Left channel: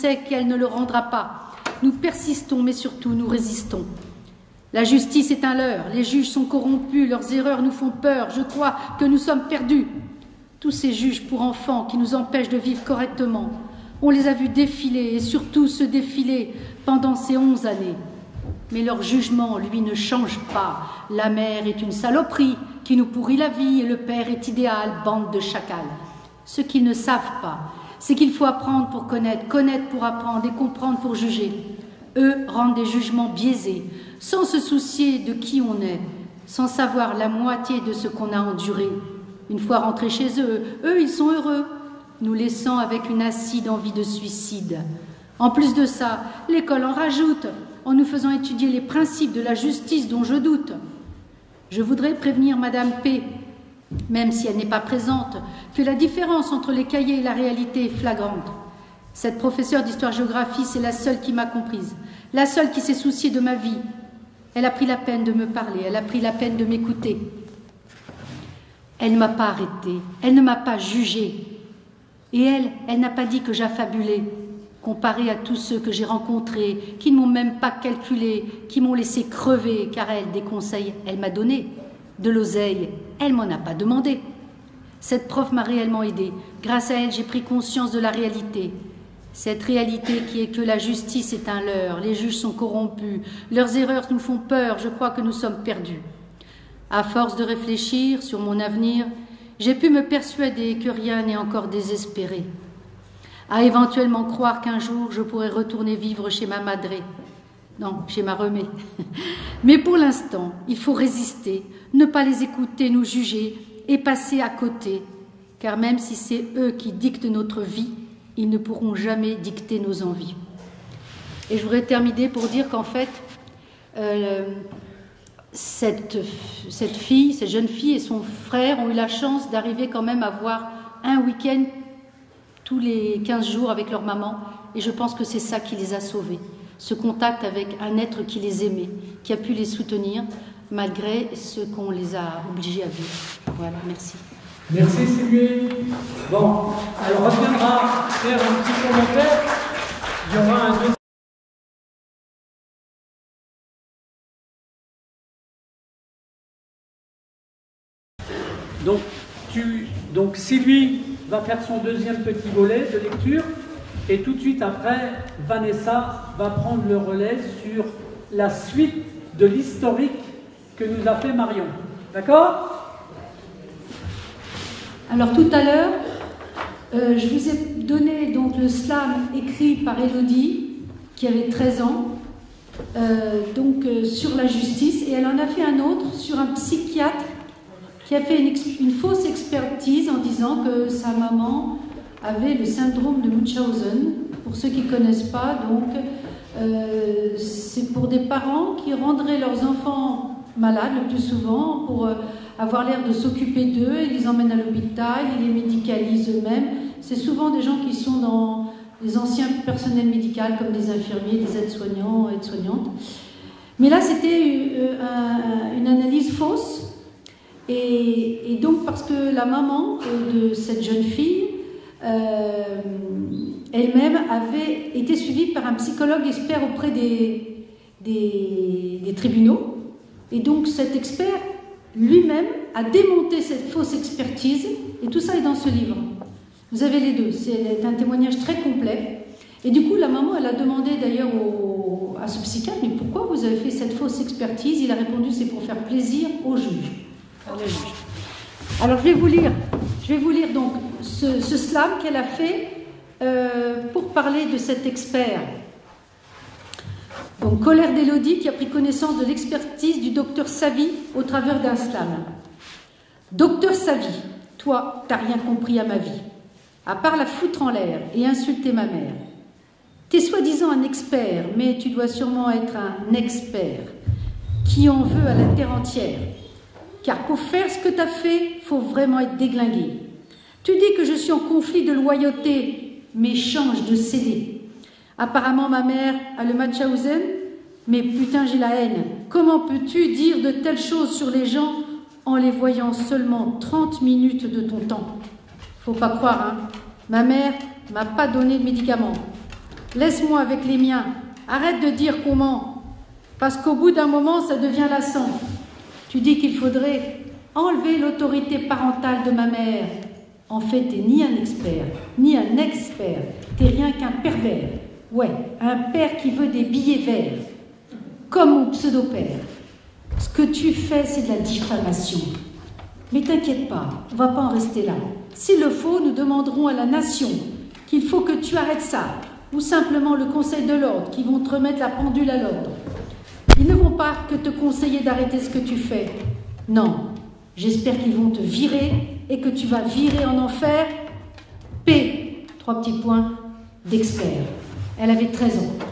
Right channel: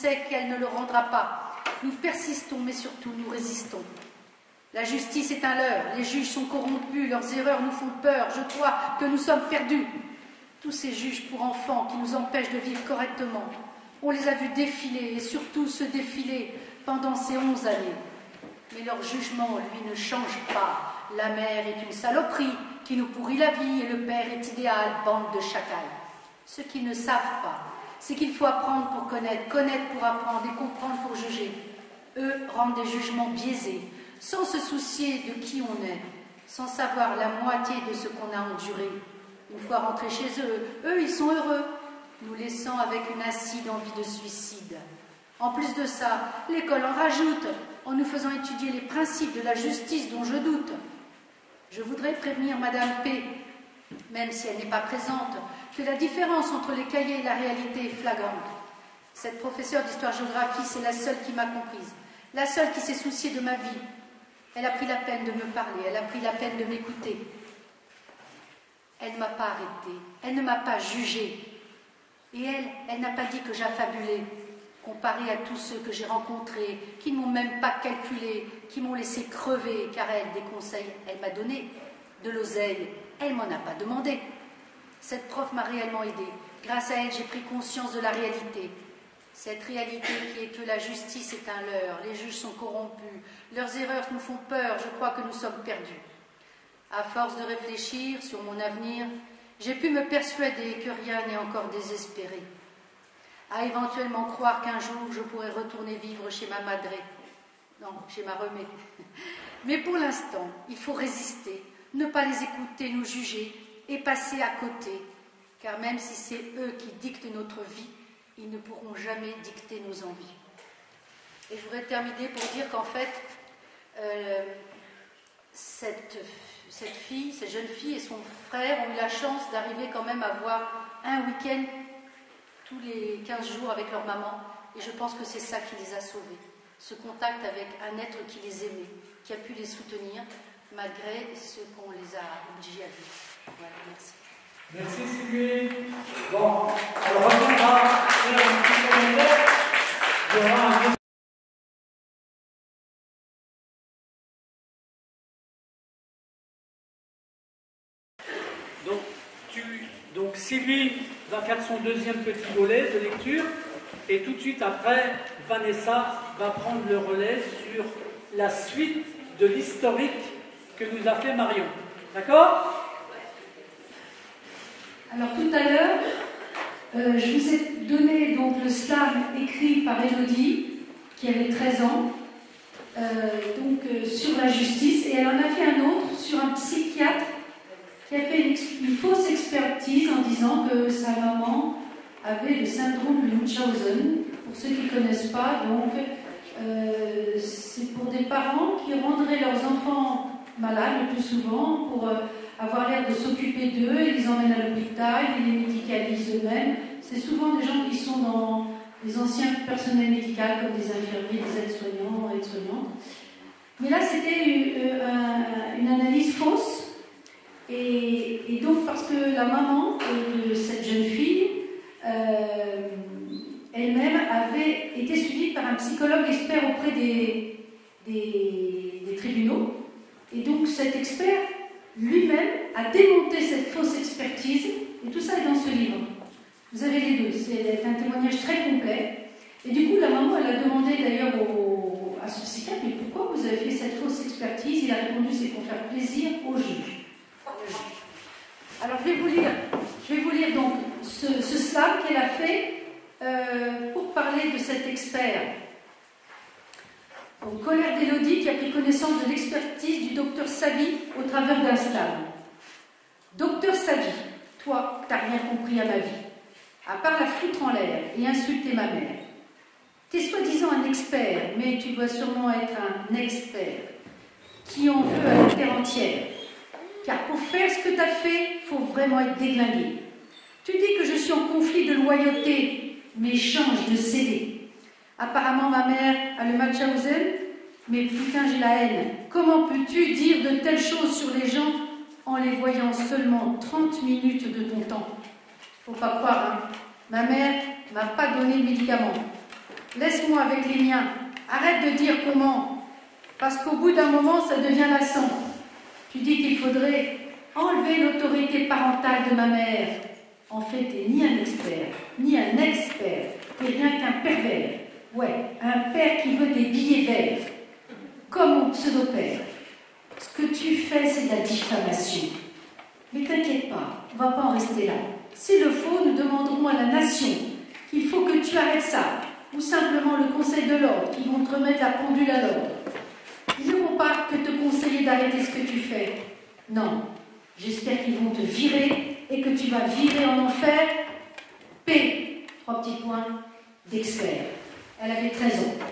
sait qu'elle ne le rendra pas. Nous persistons, mais surtout nous résistons. La justice est un leurre, les juges sont corrompus, leurs erreurs nous font peur, je crois que nous sommes perdus. Tous ces juges pour enfants qui nous empêchent de vivre correctement, on les a vus défiler et surtout se défiler pendant ces 11 années. Mais leur jugement, lui, ne change pas. La mère est une saloperie qui nous pourrit la vie et le père est idéal, bande de chacals. Ce qu'ils ne savent pas, c'est qu'il faut apprendre pour connaître, connaître pour apprendre et comprendre pour juger. Eux rendent des jugements biaisés, sans se soucier de qui on est, sans savoir la moitié de ce qu'on a enduré. Une fois rentrés chez eux, ils sont heureux, nous laissant avec une acide envie de suicide. En plus de ça, l'école en rajoute, en nous faisant étudier les principes de la justice dont je doute. Je voudrais prévenir Madame P, même si elle n'est pas présente, que la différence entre les cahiers et la réalité est flagrante. Cette professeure d'histoire-géographie, c'est la seule qui m'a comprise, la seule qui s'est souciée de ma vie. Elle a pris la peine de me parler, elle a pris la peine de m'écouter. Elle ne m'a pas arrêtée, elle ne m'a pas jugée. Et elle n'a pas dit que j'affabulais, comparée à tous ceux que j'ai rencontrés, qui ne m'ont même pas calculé, qui m'ont laissé crever, car elle, des conseils, elle m'a donné. De l'oseille, elle m'en a pas demandé. Cette prof m'a réellement aidée. Grâce à elle, j'ai pris conscience de la réalité. Cette réalité qui est que la justice est un leurre, les juges sont corrompus, leurs erreurs nous font peur, je crois que nous sommes perdus. À force de réfléchir sur mon avenir, j'ai pu me persuader que rien n'est encore désespéré. À éventuellement croire qu'un jour je pourrai retourner vivre chez ma madré. Non, chez ma remée. Mais pour l'instant, il faut résister, ne pas les écouter, nous juger et passer à côté. Car même si c'est eux qui dictent notre vie, ils ne pourront jamais dicter nos envies. Et je voudrais terminer pour dire qu'en fait, cette jeune fille et son frère ont eu la chance d'arriver quand même à voir un week-end tous les 15 jours avec leur maman. Et je pense que c'est ça qui les a sauvés. Ce contact avec un être qui les aimait, qui a pu les soutenir malgré ce qu'on les a obligés à vivre. Voilà, merci. Merci Sylvie. Bon, alors on reviendra faire un petit commentaire. Il y aura un... Donc Sylvie va faire son deuxième petit volet de lecture et tout de suite après, Vanessa va prendre le relais sur la suite de l'historique que nous a fait Marion. D'accord ? Alors tout à l'heure, je vous ai donné donc le slam écrit par Élodie, qui avait 13 ans, sur la justice, et elle en a fait un autre sur un psychiatre qui a fait une fausse expertise en disant que sa maman avait le syndrome de Munchausen. Pour ceux qui ne connaissent pas, donc, c'est pour des parents qui rendraient leurs enfants malades le plus souvent pour avoir l'air de s'occuper d'eux, ils les emmènent à l'hôpital, ils les médicalisent eux-mêmes. C'est souvent des gens qui sont dans les anciens personnels médicaux comme des infirmiers, des aides-soignants, aides-soignantes. Mais là, c'était une analyse fausse. Et donc, parce que la maman de cette jeune fille, elle-même avait été suivie par un psychologue expert auprès des tribunaux. Et donc, cet expert, lui-même, a démonté cette fausse expertise. Et tout ça est dans ce livre. Vous avez les deux. C'est un témoignage très complet. Et du coup, la maman, elle a demandé d'ailleurs à ce psychiatre, mais pourquoi vous avez fait cette fausse expertise? Il a répondu, c'est pour faire plaisir au juge. Alors je vais vous lire donc ce slam qu'elle a fait pour parler de cet expert. Donc colère d'Élodie qui a pris connaissance de l'expertise du docteur Savy au travers d'un slam. Docteur Savy, toi, t'as rien compris à ma vie, à part la foutre en l'air et insulter ma mère. T'es soi-disant un expert, mais tu dois sûrement être un expert qui en veut à la terre entière. Car pour faire ce que tu as fait, il faut vraiment être déglingué. Tu dis que je suis en conflit de loyauté, mais change de CD. Apparemment, ma mère a le Munchausen, mais putain, j'ai la haine. Comment peux-tu dire de telles choses sur les gens en les voyant seulement 30 minutes de ton temps? Faut pas croire, hein. Ma mère m'a pas donné de médicaments. Laisse-moi avec les miens. Arrête de dire comment. Parce qu'au bout d'un moment, ça devient lassant. Tu dis qu'il faudrait enlever l'autorité parentale de ma mère. En fait, t'es ni un expert, ni un expert. T'es rien qu'un pervers. Ouais, un père qui veut des billets verts. Comme mon pseudo-père. Ce que tu fais, c'est de la diffamation. Mais t'inquiète pas, on va pas en rester là. S'il le faut, nous demanderons à la nation qu'il faut que tu arrêtes ça. Ou simplement le Conseil de l'ordre qui vont te remettre la pendule à l'ordre. Ils ne vont pas que te conseiller d'arrêter ce que tu fais. Non, j'espère qu'ils vont te virer et que tu vas virer en enfer P, 3 petits points, d'expert. Elle avait 13 ans.